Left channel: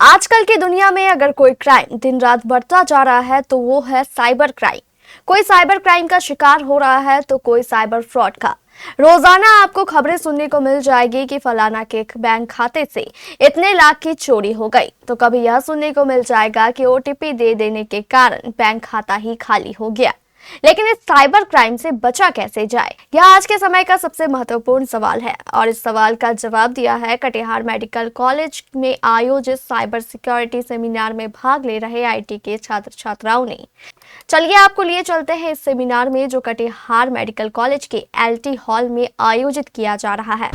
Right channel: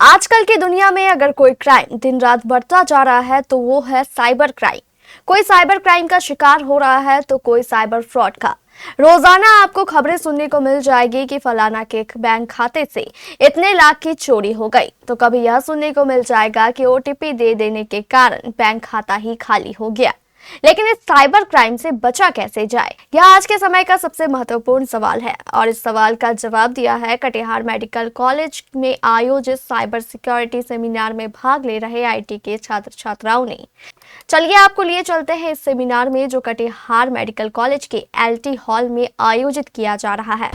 आजकल की दुनिया में अगर कोई क्राइम दिन रात बढ़ता जा रहा है तो वो है साइबर क्राइम। कोई साइबर क्राइम का शिकार हो रहा है तो कोई साइबर फ्रॉड का। रोजाना आपको खबरें सुनने को मिल जाएगी कि फलाना के बैंक खाते से इतने लाख की चोरी हो गई, तो कभी यह सुनने को मिल जाएगा कि ओटीपी दे देने के कारण बैंक खाता ही खाली हो गया। लेकिन इस साइबर क्राइम से बचा कैसे जाए, यह आज के समय का सबसे महत्वपूर्ण सवाल है और इस सवाल का जवाब दिया है कटिहार मेडिकल कॉलेज में आयोजित साइबर सिक्योरिटी सेमिनार में भाग ले रहे आईटी के छात्र छात्राओं ने। चलिए आपको लिए चलते हैं इस सेमिनार में जो कटिहार मेडिकल कॉलेज के एलटी हॉल में आयोजित किया जा रहा है।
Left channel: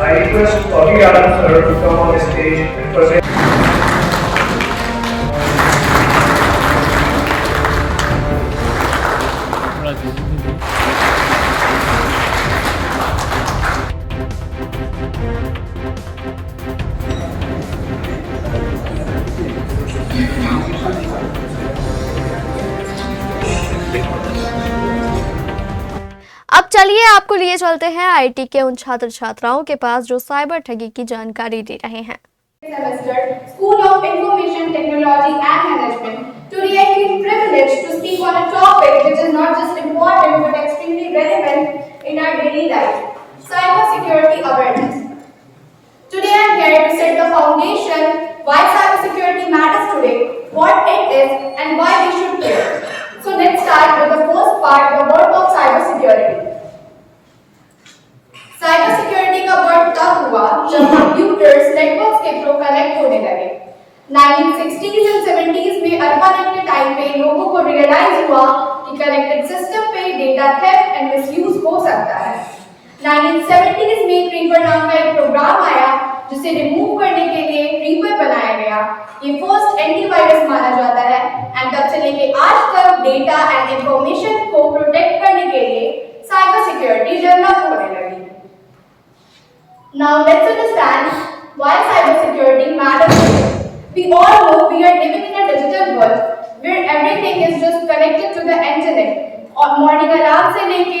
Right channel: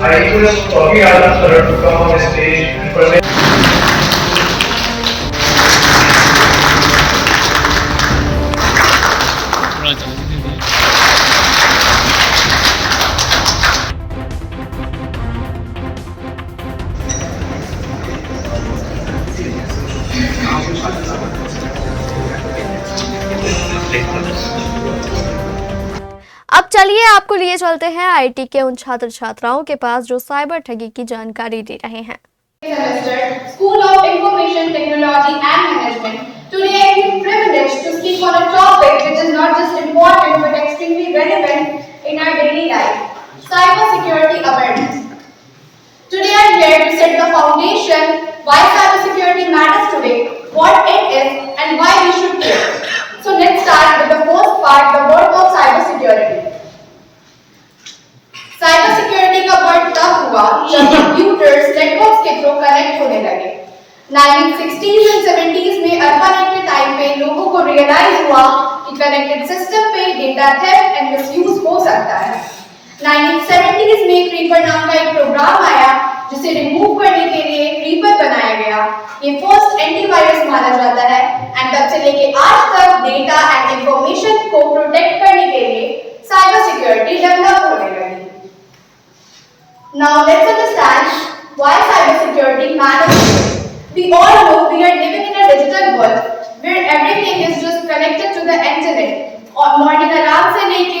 I request Toby Adam sir to come on stage and present. अब चलिए आपको लिए चलते हैं आईटी के उन छात्र छात्राओं के पास जो साइबर ठगी की जानकारी दे रहे हैं। Semester, School of Information Technology and Management. Today I feel privileged to speak on a topic which is not just important but extremely relevant in our daily life: cybersecurity awareness. Today I am here to set the foundation why cybersecurity matters today, what it is, and why we should care. So let's start with the first part, the birth of cybersecurity. Cyber security का word तब हुआ जब computers networks के through connect होने लगे। 1960s and 70s में ARPANET के time पे लोगों को रियलाइज हुआ कि कनेक्टेड सिस्टम पे डेटा थेफ्ट एंड मिसयूज हो सकता है। 1970s में क्रीपर नाम का एक प्रोग्राम आया जिसे रिमूव करने के लिए क्रीपर बनाया गया। ये फर्स्ट एंटीवायरस माना जाता है एंड तब से लेके आज तक डेटा एंड इंफॉर्मेशन को प्रोटेक्ट करने के लिए साइबर सिक्योरिटी डेवलप होने लगी। Now let's understand why cybersecurity matters. We all know we are living in a digital world where everything is just connected to the internet. और morning alarm से लेके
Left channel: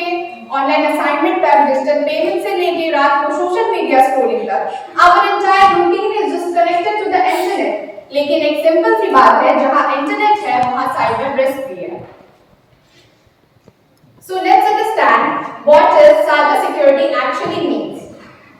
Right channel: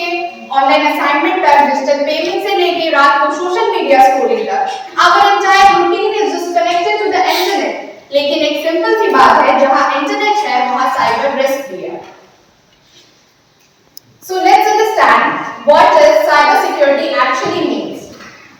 online assignment तक, digital payment से लेके रात को सोशल मीडिया स्क्रॉलिंग तक, our entire routine is just connected to the internet. लेकिन एक सिंपल सी बात है, जहाँ इंटरनेट है वहाँ साइबर रिस्क भी है। So let's understand what is cybersecurity actually means.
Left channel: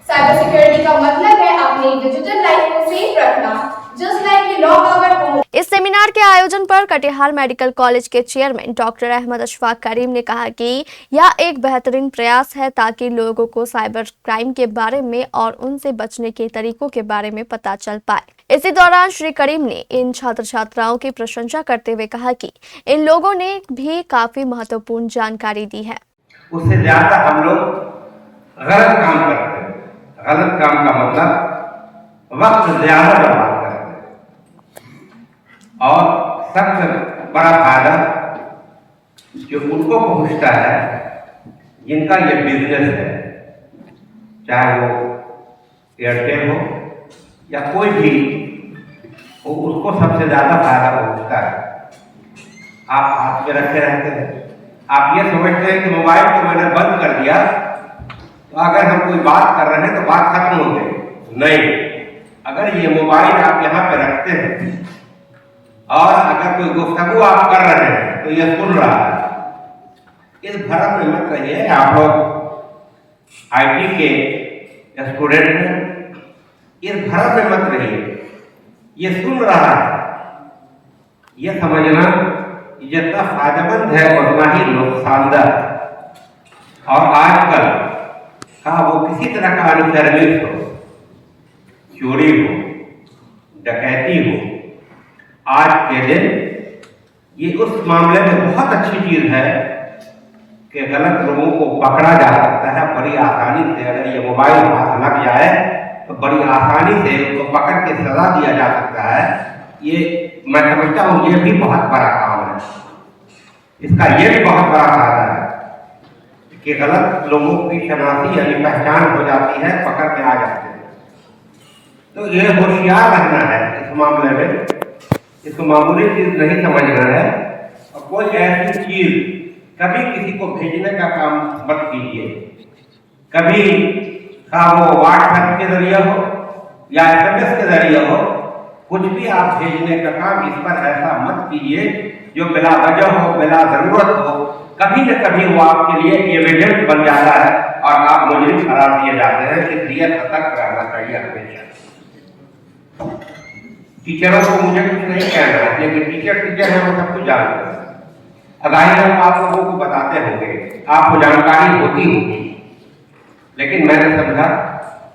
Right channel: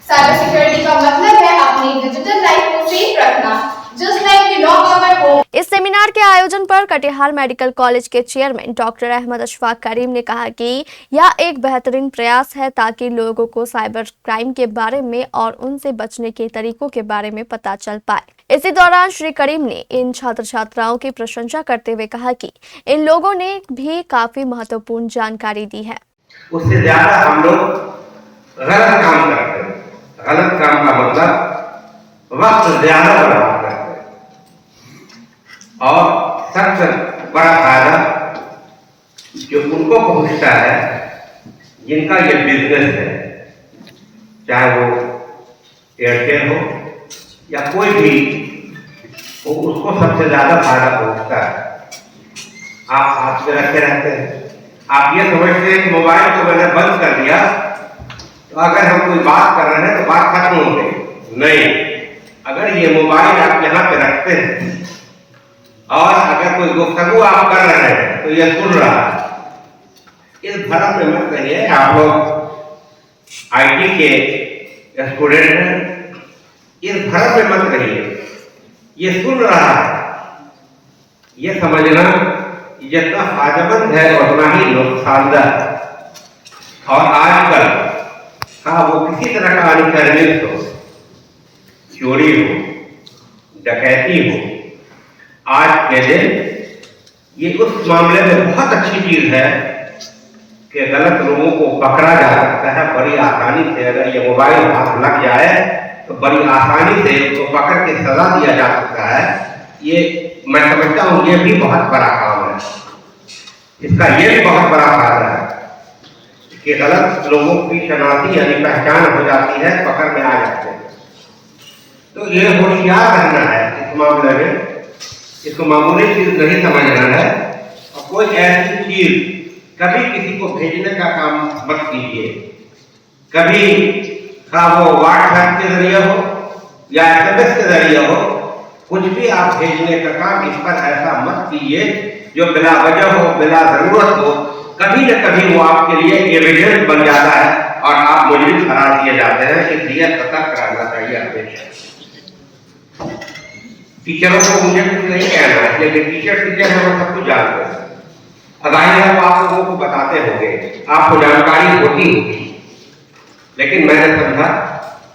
Cyber security का मतलब है अपनी डिजिटल लाइफ को सेफ रखना, just like we lock our home. इस सेमिनार के आयोजन पर कटिहार मेडिकल कॉलेज के चेयरमैन डॉक्टर अहमद अशफाक करीम ने कहा कि यह एक बेहतरीन प्रयास है ताकि लोगों को साइबर क्राइम के बारे में और उनसे बचने के तरीकों के बारे में पता चल पाए। इसी दौरान श्री करीम ने इन छात्र छात्राओं की प्रशंसा करते हुए कहा कि इन लोगों ने भी काफी महत्वपूर्ण जानकारी दी है। उससे ज्यादा हम लोग गलत काम करते हैं। गलत काम का मतलब वक्त ज्यादा बर्बाद करते हैं और सबसे बड़ा फायदा जो उनको पहुंचता है जिनका ये बिजनेस है, चाहे वो एयरटेल हो या कोई भी हो, उसको सबसे ज्यादा फायदा पहुंचता है। आप हाथ में रखे रहते हैं, आप ये समझते हैं कि मोबाइल को मैंने बंद कर दिया तो अगर हम कोई बात कर रहे हैं तो बात खत्म हो गई। नहीं, अगर ये मोबाइल आप यहाँ पे रखते हैं और अगर कोई गुफ्तगू आप कर रहे हैं तो ये सुन रहा है। इस भरम में मत रहिए, आप लोग आईटी के स्टूडेंट हैं, इस भरम में मत रहिए। ये सुन रहा है, ये समझना जितना फायदेमंद है उतना ही नुकसानदायक। और आजकल वो किसी तरह का अनुचरित हो, चोरी हो, डकैती हो, आज के दिन ये उस मामले में बहुत अच्छी चीज है कि गलत लोगों को पकड़ा जा सकता है बड़ी आसानी से। अगर ये मोबाइल हाथ लग जाए तो बड़ी आसानी से उसको पकड़ के सजा दिया जा सकता है। ये मैं समझता हूँ ये भी बहुत बड़ा काम है, इसका ये भी बहुत बड़ा फायदा है कि गलत लोगों की शनाख्ती यानी पहचान हो जाती है, पकड़ में आ जाते हैं। तो ये होशियार रहना है इस मामले में, इसको मामूली चीज नहीं समझना है। और कोई ऐसी चीज कभी किसी को भेजने का काम मत कीजिए, कभी वो व्हाट्सएप के जरिए हो या SMS के जरिए हो, कुछ भी आप भेजने का काम इस पर ऐसा मत कीजिए जो बिला वजह हो, बिला जरूरत हो। कभी न कभी वो आपके लिए एविडेंस बन जाता है और आप मुजरिम करार दिए जाते हैं। इसलिए सतर्क रहना चाहिए हमेशा। टीचरों को मुझे कुछ नहीं कहना है, लेकिन टीचर हैं, वो सब कुछ जानते हैं। जाहिर है आप लोगों को बताते होंगे, आपको जानकारी होती होगी, लेकिन मैंने समझा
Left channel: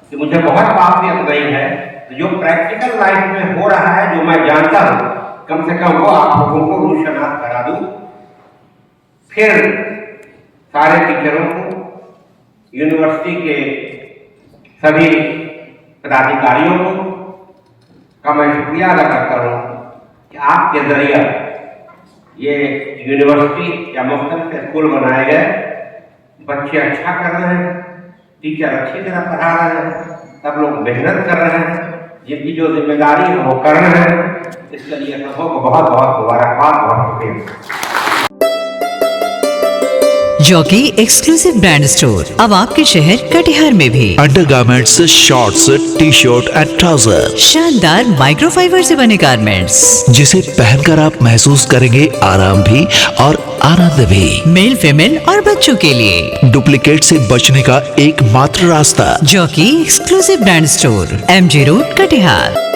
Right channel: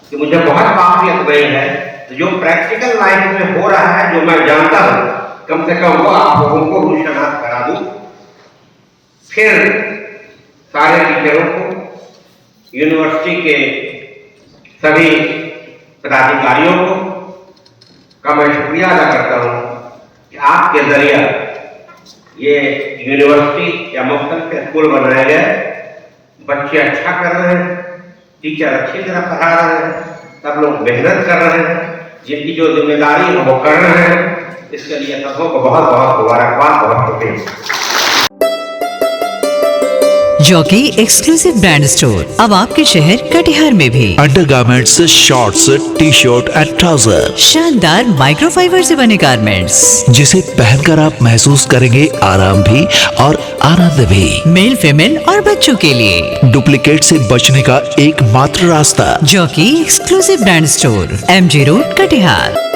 कि मुझे बहुत काफियत नहीं है, तो जो प्रैक्टिकल लाइफ में हो रहा है, जो मैं जानता हूँ, कम से कम वो आप लोगों को रुशनास करा दूं। फिर सारे टीचरों को, यूनिवर्सिटी के सभी पदाधिकारियों को का मैं शुक्रिया अदा करता हूँ कि आपके जरिए ये यूनिवर्सिटी या मुख्तलिफ स्कूल बनाए गए, बच्चे अच्छा कर रहे हैं, टीचर अच्छी तरह पढ़ा रहे हैं, सब लोग मेहनत कर रहे हैं, जिनकी जो जिम्मेदारी है वो कर रहे हैं। इसके लिए सबों को बहुत बहुत मुबारकबाद, बहुत शुक्रिया। जॉकी एक्सक्लूसिव ब्रांड स्टोर अब आपके शहर कटिहार में भी। Undergarments, shorts, T-shirt and trouser, शानदार माइक्रोफाइबर से बने गारमेंट्स जिसे पहनकर आप महसूस करेंगे आराम भी और आनंद भी। मेल, फीमेल और बच्चों के लिए डुप्लीकेट से बचने का एकमात्र रास्ता। Jockey exclusive brand store, MG road, Katihar.